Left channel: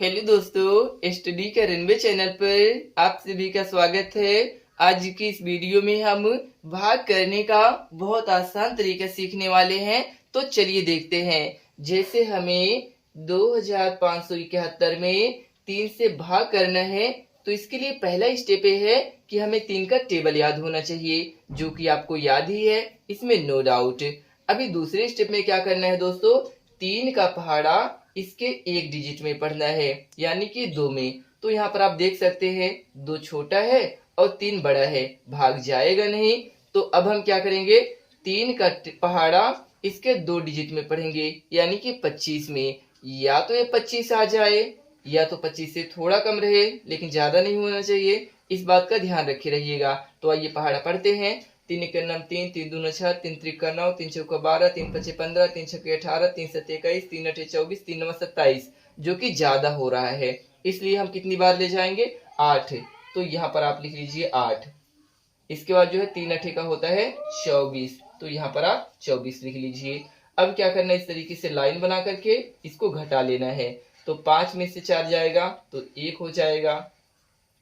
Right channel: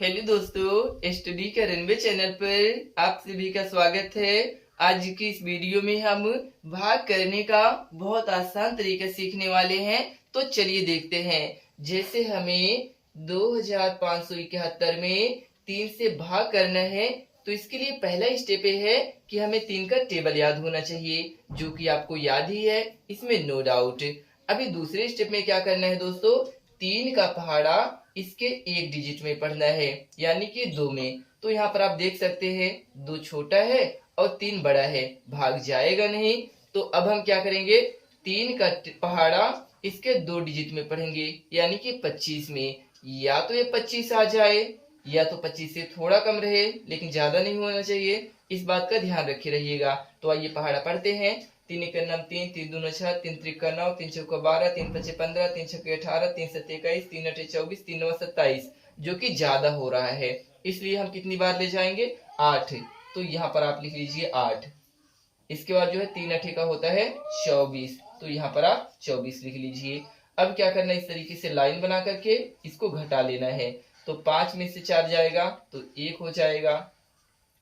Hello दोस्तों, study का runway channel पर आप सभी का स्वागत है। आज की इस वीडियो में हम भाग करने का बहुत आसान तरीका सीखने वाले हैं। तो चलिए देखते हैं। जैसे हमें 2571 में 3 से भाग करना है, तो इसके लिए पहला स्टेप है कि हमें 3 का टेबल याद होना चाहिए, जो कि आपको याद ही है, इसमें नो डाउट। अभी दूसरे स्टेप में क्या करना है दोस्तों, 3 का पहाड़ा इसके एक डिजिट में पढ़ना है, यानी कि 2 में। तो यहाँ पर आप देख सकते हैं 2 छोटा है और 3 बड़ा है, भाग जाएगा नहीं। तो अब हम क्या करेंगे, 3 का पहाड़ा इसके 2 डिजिट में पढ़ेंगे, यानी कि 25 में। या तो ये 25 आ जाए, या तो 25 से थोड़ा कम रहे, लेकिन ज्यादा नहीं होना चाहिए। इस बात का ध्यान रखे रहिएगा। तो आइए पहाड़ा पढ़ते हैं। 3 एक नम 3, 3 दूना 6, 3 त्रिका 9, 3 चौका 12, 3 पचे 15, 3 छके 18, 3 सत्ते 21, 3 अठे 24, 3 नवा 27, जो कि ज्यादा हो रहा है, इसलिए हम कितनी बार ले जाएंगे, 8। तो यहाँ पर आप लिख लीजिए 8। इसके बाद जो है 3 अठे का होता है 24, तो यहाँ पर आप 24 लिख लीजिए। अब क्या करना है, इस तरीके से लाइन बना करके इसको घटा लेना है। तो 5 में से 4 जाएगा तो 1 हो जाएगा।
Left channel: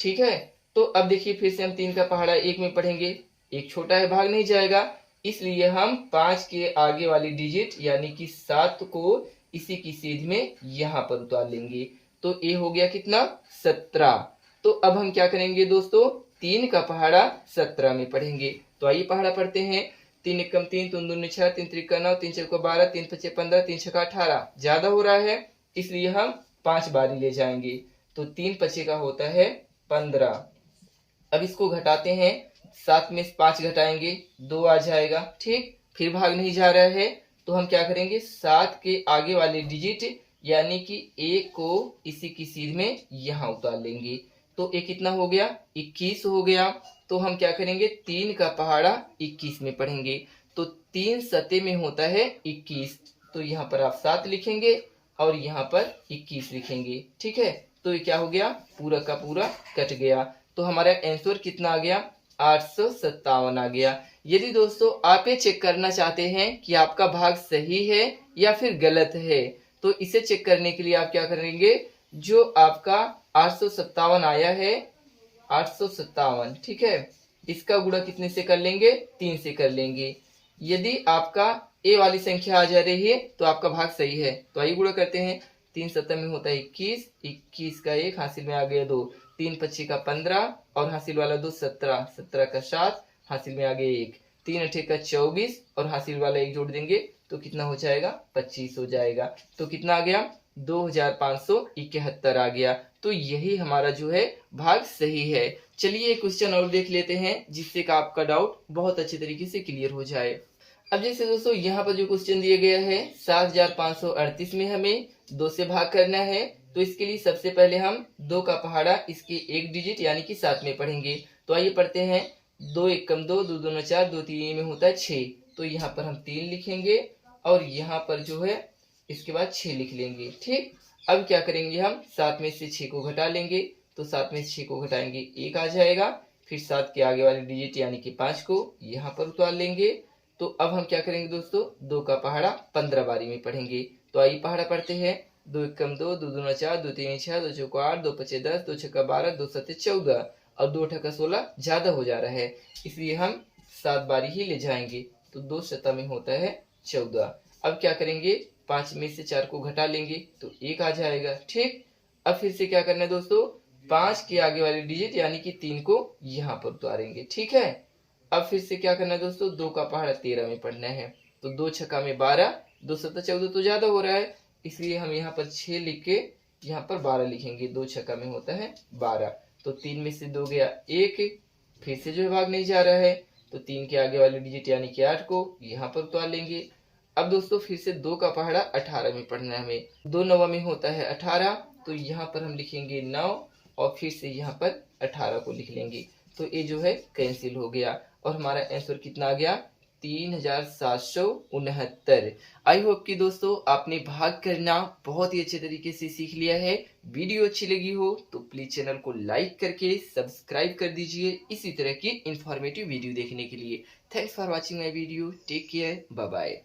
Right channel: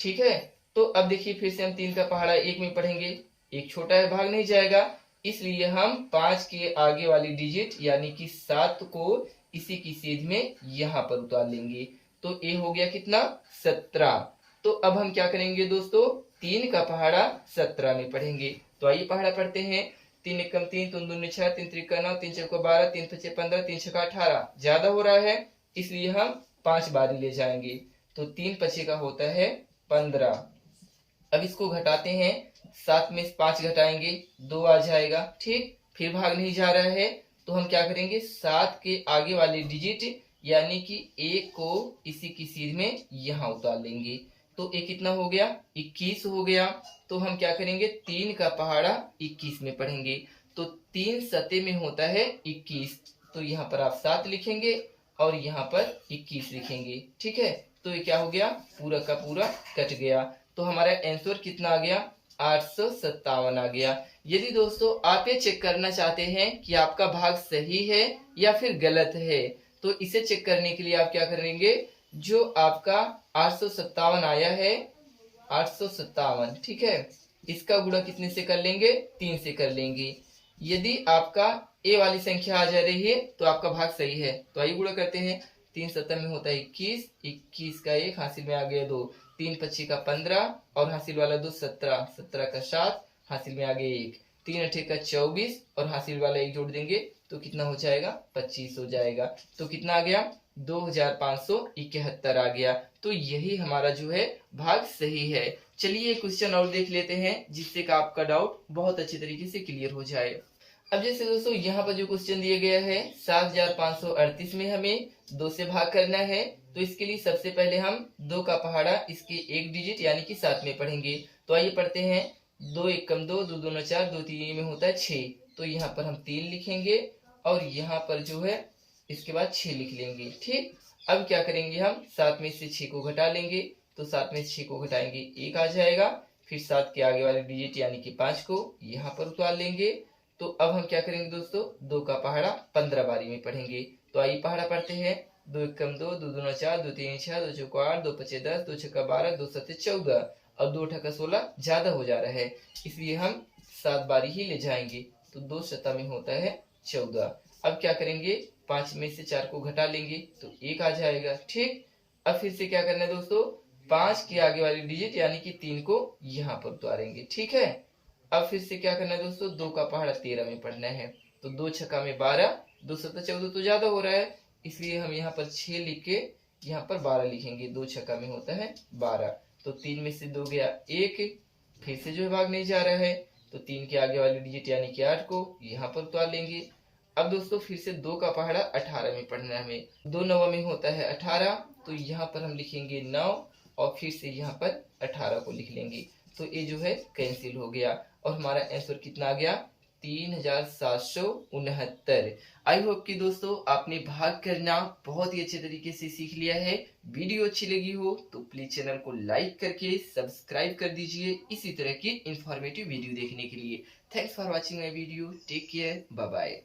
ठीक है। तो अब देखिए फिर से हम 3 का पहाड़ा 1 में पढ़ेंगे। एक छोटा है, भाग नहीं जाएगा, इसलिए हम 5 के आगे वाली डिजिट यानी कि 7 को इसी की सीध में यहाँ पर उतार लेंगे। तो ए हो गया कितना, 17। तो अब हम क्या करेंगे दोस्तों, 3 का पहाड़ा 17 में पढ़ेंगे। तो आइए पहाड़ा पढ़ते हैं। 3 एकम 3, 3 दूनी 6, 3 त्रिका 9, 3 चौका 12, 3 पचे 15, 3 छका 18, ज्यादा हो रहा है, इसलिए हम 5 बारी ले जाएंगे। तो 3 पचे का होता है 15। अब इसको घटाते हैं, 7 में 5 घटाएंगे, 2 आ जाएगा। ठीक, फिर भाग नहीं जा रहा है, तो हम क्या करेंगे, 7 के आगे वाले डिजिट यानी कि 1 को इसी की सीध में यहाँ उतार लेंगे। तो ये कितना हो गया, 21 हो गया। तो हम क्या करेंगे, 3 का पहाड़ा 21 में पढ़ेंगे। तो 3 सते में होता है 21, तो यहाँ पर आप 7 लिखेंगे और यहाँ पर 21 लिखेंगे। ठीक है। तो ये क्या हो गया, पूरा का पूरा कट गया। तो हमारा आंसर कितना आ गया, 857 आ गया। यदि दोस्तों आप ये चेक करना चाहते हैं कि आपका भाग सही है या फिर गलत है, तो इसे चेक करने के लिए आप क्या करेंगे, जो आपका 857 आया है, 857, ठीक है, इसका गुणा कितने से कर लेंगे, 3 से कर लेंगे। यदि आपका ए वाली संख्या आ जा रही है तो आपका भाग सही है। तो आइए गुणा करते हैं। 3 सत्तर में होता है 21, 21 का 1 हासिल में आ गया 2, 3 पच्ची का 15 और हासिल वाला 2 17, 17 का 7 हासिल में आ गया 1, 3 अठे का 24 और हासिल वाला 1 जोड़ देंगे तो कितना हो जाएगा, 25 हो जाएगा। तो कितना आ गया, 2571 आ गया। तो यही हमारा जो है भाग सही है। चलिए एक क्वेश्चन और देख लेते हैं, जिससे का आपका डाउट बहुत अच्छे तरीके से क्लियर हो जाए। अब जैसे दोस्तों यहाँ पर जो क्वेश्चन दिया गया है, 7538 में हमें 2 से भाग करना है। तो इसके लिए सबसे पहले हम 2 का पहाड़ा इसके एक डिजिट यानी कि 7 में पढ़ेंगे। तो आइए पढ़ते हैं। 2 एकम 2, 2 दूना 4, 2 3 में होता है 6। तो यहाँ पर हम 3 लिखेंगे और यहाँ पर जो है इसके बाद 6 लिख लेंगे। ठीक। अब क्या करेंगे, हम 7 में से 6 को घटा लेंगे। तो 7 में से 6 को घटाएंगे 1 आ जाएगा। फिर 7 के आगे वाली डिजिट यानी कि 5 को यहाँ पर उतार लेंगे। तो अब हम क्या करेंगे दोस्तों, 2 का पहाड़ा 15 बारी में पढ़ेंगे। तो आइए पहाड़ा पढ़ते हैं। 2 एकम 2, 2 दूना 4, 2 तीन 6, 2 चौका 8, 2 पचे 10, 2 छक्का 12, 2 सत्ते 14 और 2 अठा 16 ज्यादा हो जा रहा है, इसलिए हम 7 बारी ही ले जाएंगे। तो 2 शता में होता है 14। अब क्या करेंगे, 5 में से 4 को घटा लेंगे तो 1 आ जाएगा। ठीक। अब फिर से क्या करना है दोस्तों, 5 के आगे वाली डिजिट यानी कि 3 को यहाँ पर उतारेंगे। ठीक है। अब फिर से क्या करना है दोस्तों, 2 का पहाड़ा 13 में पढ़ना है। तो 2 छक्का में 12, 2 सत्ता 14 तो ज्यादा हो रहा है, इसलिए हम यहाँ पर 6 लिख के यहाँ पर 12 लिखेंगे। 2 छक्का में होता है 12। तो 3 में से 2 गया 1, फिर से जो है भाग नहीं जा रहा है, तो 3 के आगे वाली डिजिट यानी कि 8 को यहाँ पर उतार लेंगे। अब दोस्तों फिर से 2 का पहाड़ा 18 में पढ़ना है हमें। 2 नवा में होता है 18, तो यहाँ पर हम लिखेंगे 9 और फिर से यहाँ पर 18 को लिख लेंगे। तो ये जो है कैंसिल हो गया और हमारा आंसर कितना आ गया, 3769। आई होप कि दोस्तों आपने भाग करना बहुत ही अच्छे तरीके से सीख लिया है। वीडियो अच्छी लगी हो तो प्लीज चैनल को लाइक करके सब्सक्राइब कर दीजिए इसी तरह की इंफॉर्मेटिव वीडियो देखने के लिए। Thanks for watching my video. Take care, bye bye.